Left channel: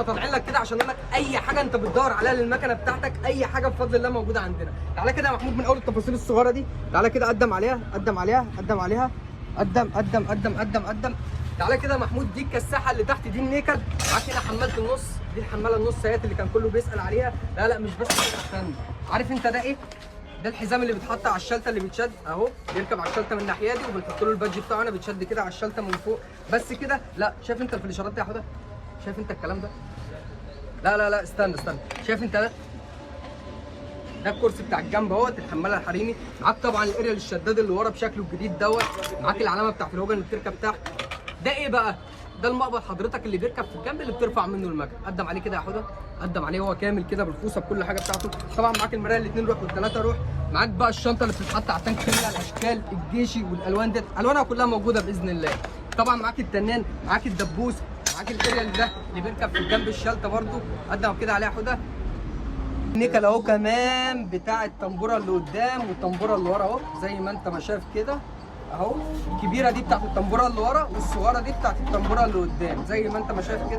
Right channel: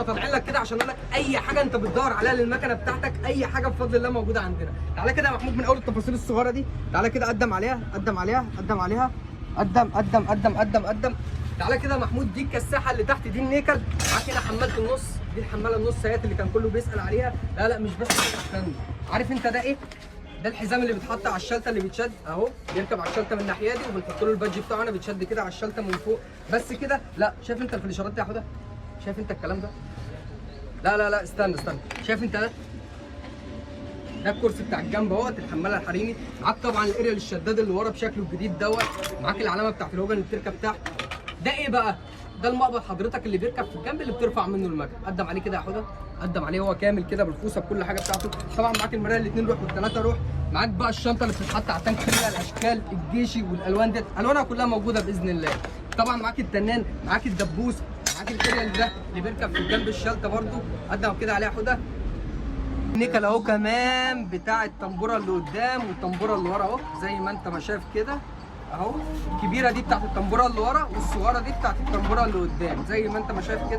احنا طالعين لك كده عشان اقول لك اي حاجه انت بتدور عليها للمكنه بتاعتك، اي حاجه بفضل الله موجوده عندنا. تعالى كده يا محمود من اول التفاصيل الصغيره دي، تعالى كده قدم عليها قدم عليها قدم عليها، قدم قدم قدم قدم قدم. تعالى كده يا محمود، دي الكساحه اللي تحت دي النيكل، معاك هنا حماله النص، دي الحماله النص اهيت اللي كان كله بيسال عليها. لا لا مش بس كده، استنى، عارف انت ده ايه؟ ده الحزام اللي بيتحط على الشلته اللي بيتشد اهو، بيركب على الشلته من الناحيه دي وبنحط له البادج بتاعه هنا بيتشد كده على الشلته من فوق. بس كده لا، شايف انت الفليشرات دي يا حوده؟ شايف انت الكلام ده؟ لا لا لا استنى استنى، شايف انت ده؟ ده الكرسي بتاع الجنب اهوت، الحماله الحريمي، معاك طبعا الاريال الشداد اللي ورا بشكله الجديد دوت، معاك العلامه بتاعت الهوجن اللي بتركب تحت. ده ايه بقى؟ ده المقبض حضرتك اللي بيركب في الجنب اللي بترفع منه المكن. قدم عليه كده يا حوده، قدم عليه هو كامل كده بالفوسه بكل حاجه بتاعته. طبعا معاك المرايه الاثنين روح والثلاثه روح، معاك بقى الشنطه اللي بتتحط على التانك فيها الاشكال الجيشي والالوان ديت، الوانها كلها موجوده باذن الله. طبعا معاك التنان، معاك الدبوس، معاك الاريال ده اللي بيركب في الجنب الشلته برده، قدم كده عليه يا حوده. النيكل اهو كمان بتاع الطنبوره اللي قدام والطنبوره اللي ورا اهو، زي ما انت ما شايف كده اهو. الكبيره دي بتاعت الطنبوره اللي ورا، والصغيره دي بتاعت الطنبوره اللي قدام، زي ما انت ما شايف كده.